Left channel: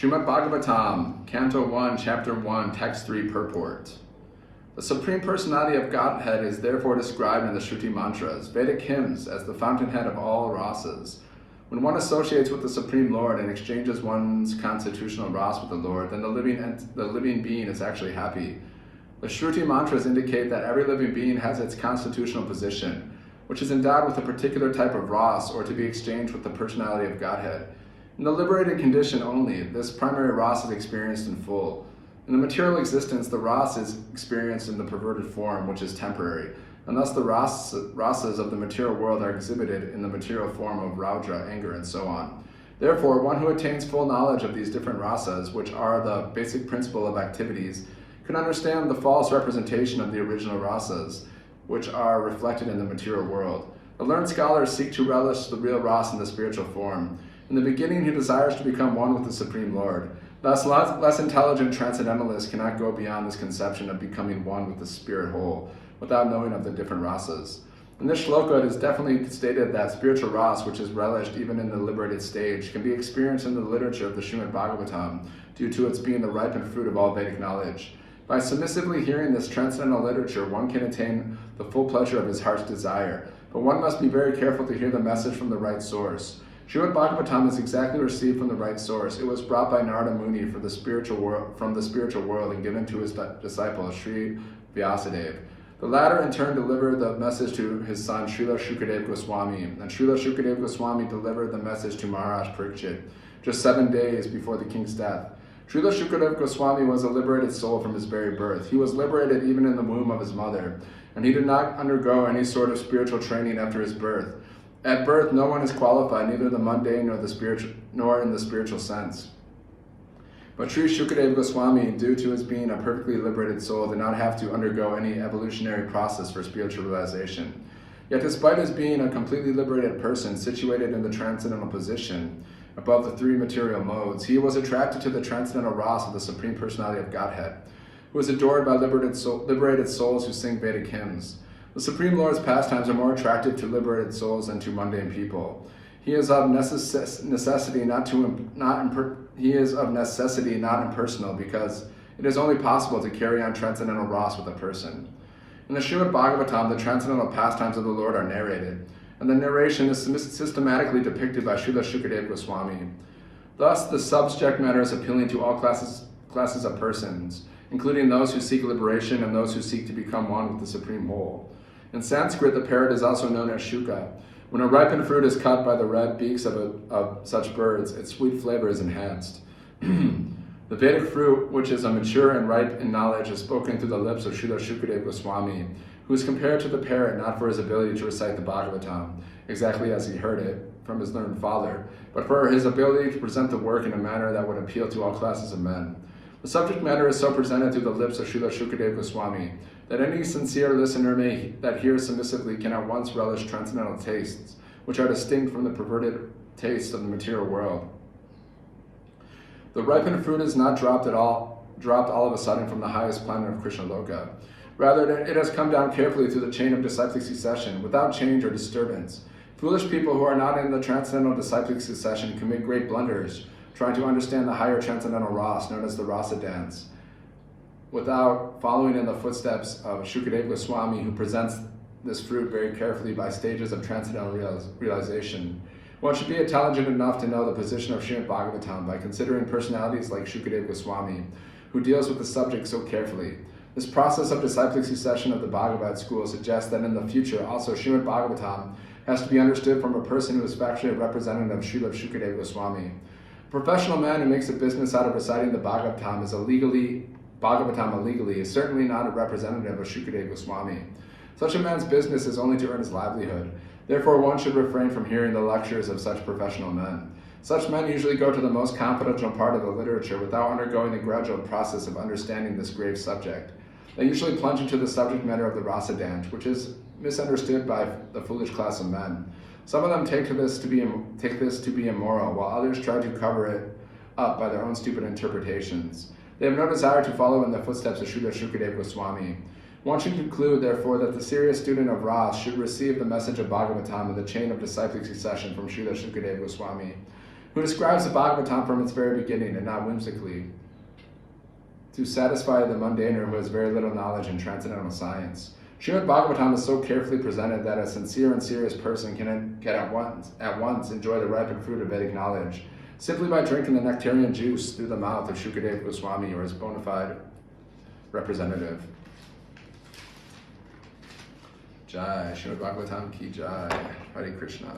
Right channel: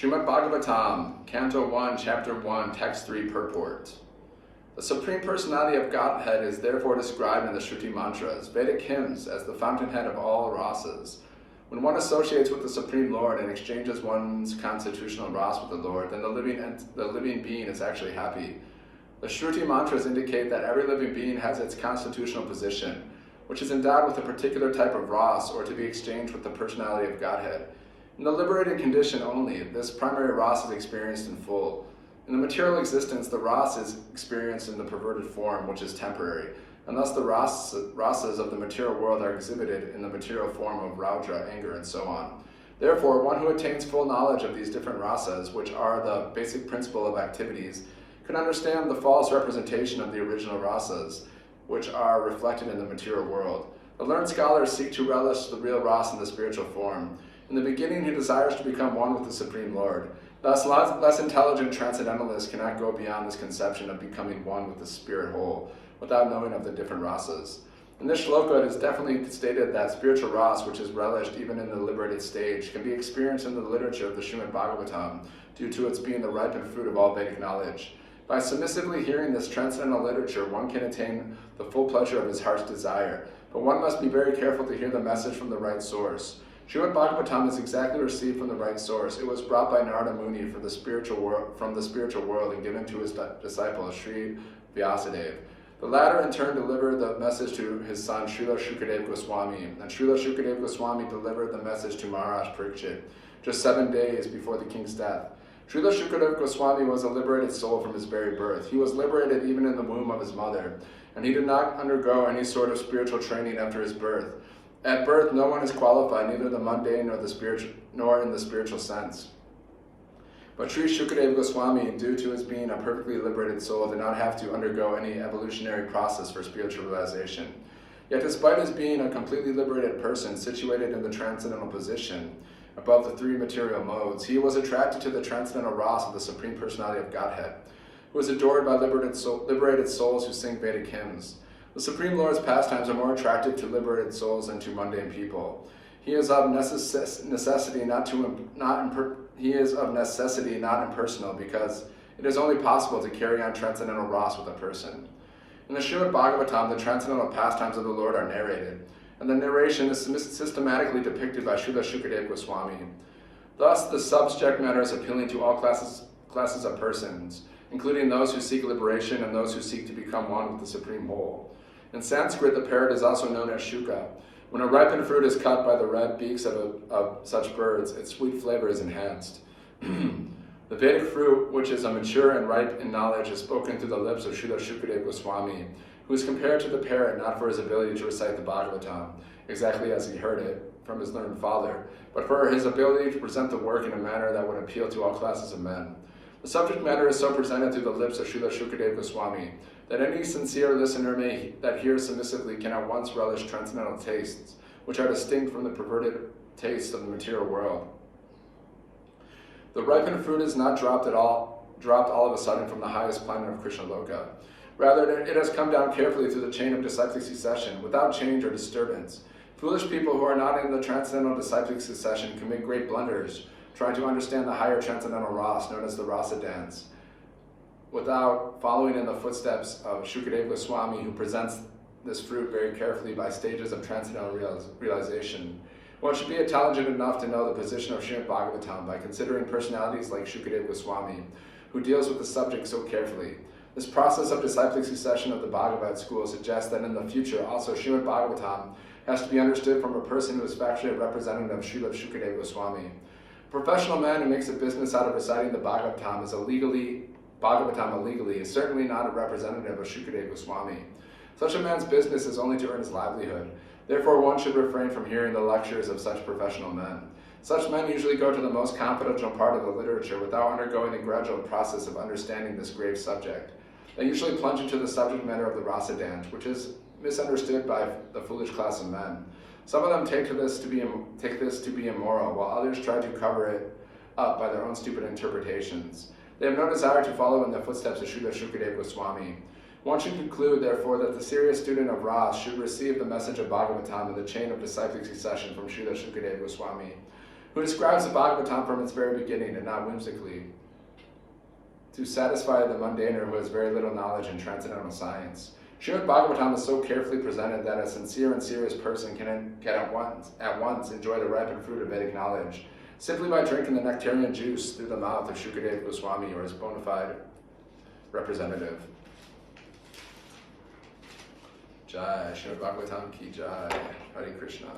Srimad Bhagavatam, Canto 1, Chapter 1, Text 3, Purport. The Supreme Personality of Godhead is therefore described in the Shruti mantras, Vedic hymns, as the fountainhead of all rasas. When one associates with the Supreme Lord and exchanges one's constitutional ras with the Lord, then the living being is actually happy. The Shruti mantras indicate that every living being has its constitutional position, which is endowed with a particular type of ras or to be exchanged with the personality of Godhead. In the liberated condition only, this primary ras is experienced in full. In the material existence, the ras is experienced in the perverted form, which is temporary, and thus the rasas of the material world are exhibited in the material form of raudra, anger, and so on. Therefore, one who attains full knowledge of these different rasas, which are the basic principle of activities, can understand the false representation of the original rasas, which are reflected in the material world. The learned scholars seek to relish the real ras in the spiritual form. In the beginning, he desires to become one with the Supreme Lord. Thus, less intelligent transcendentalists cannot go beyond this conception of becoming one with the spirit whole, without knowing of the different rasas. In this shloka, it is definitely stated that spiritual ras, which is relished even in the liberated stage, can be experienced in the literature of the Srimad Bhagavatam, due to its being the ripened fruit of all Vedic knowledge. By submissively hearing this transcendental literature, one can attain the full pleasure of his heart's desire, but one must be very careful to hear the message from the right source. Srimad Bhagavatam is exactly received from the right source. It was brought by Narada Muni from the spiritual world and given to his disciple, Sri Vyasadeva. The latter in turn delivered the message to his son, Srila Shukadeva Goswami, and Srila Shukadeva Goswami delivered the message to Maharaj Parikshit, just 7 days before the king's death. Srila Shukadeva Goswami was a liberated soul from his very birth. He was liberated even in the womb of his mother, and he did not undergo any sort of spiritual training after his birth. At birth, no one is qualified, neither the mundane nor in the spiritual sense. But Sri Shukadeva Goswami, due to his being a perfectly liberated soul, did not have to undergo any evolutionary process for spiritual realization. Yet despite his being a completely liberated person, situated in the transcendental position, above the three material modes, he was attracted to the transcendental ras of the Supreme Personality of Godhead, who is adored by liberated souls who sing Vedic hymns. The Supreme Lord's pastimes are more attractive to liberated souls than to mundane people. He is of necessity not impersonal, because it is only possible to carry on transcendental ras with a person. In the Srimad Bhagavatam, the transcendental pastimes of the Lord are narrated, and the narration is systematically depicted by Srila Shukadeva Goswami. Thus, the subject matter is appealing to all classes of persons, including those who seek liberation and those who seek to become one with the Supreme Whole. In Sanskrit, the parrot is also known as shuka. When a ripened fruit is cut by the red beaks of such birds, its sweet flavor is enhanced. The Vedic fruit, which is a mature and ripe in knowledge, is spoken through the lips of Srila Shukadeva Goswami, who is compared to the parrot not for his ability to recite the Bhagavatam, exactly as he heard it from his learned father, but for his ability to present the work in a manner that would appeal to all classes of men. The subject matter is so presented through the lips of Srila Shukadeva Goswami that any sincere listener that hears submissively can at once relish transcendental tastes, which are distinct from the perverted tastes of the material world. The ripened fruit is not dropped all of a sudden from the highest planet of Krishna Loka. Rather, it has come down carefully through the chain of disciplic succession, without change or disturbance. Foolish people who are not in the transcendental disciplic succession commit great blunders, trying to understand the higher transcendental ras, known as the rasa dance, without following in the footsteps of Shukadeva Goswami, who presents this fruit very carefully by stages of transcendental realization. One should be intelligent enough to know the position of Srimad Bhagavatam by considering personalities like Shukadeva Goswami, who deals with the subject so carefully. This process of disciplic succession of the Bhagavad school suggests that in the future also Srimad Bhagavatam has to be understood from a person who is factually a representative of Srila Shukadeva Goswami. A professional man who makes a business out of reciting the Bhagavatam illegally is certainly not a representative of Shukadeva Goswami. Such a man's business is only to earn his livelihood. Therefore, one should refrain from hearing the lectures of such professional men. Such men usually go to the most confidential part of the literature without undergoing the gradual process of understanding this grave subject. They usually plunge into the subject matter of the rasa dance, which is misunderstood by the foolish class of men. Some of them take this to be immoral, while others try to cover it up by their own stupid interpretations. They have no desire to follow in the footsteps of Srila Shukadeva Goswami. One should conclude, therefore, that the serious student of Ras should receive the message of Bhagavatam in the chain of disciplic succession from Srila Shukadeva Goswami. who describes the Bhagavatam from its very beginning and not whimsically, to satisfy the mundaner who has very little knowledge in transcendental science. Srimad Bhagavatam is so carefully presented that a sincere and serious person can at once enjoy the ripened fruit of Vedic knowledge, simply by drinking the nectarian juice through the mouth of Shukadeva Goswami or his bona fide representative. Jai, Srimad Bhagavatam ki jai, Hare Krishna.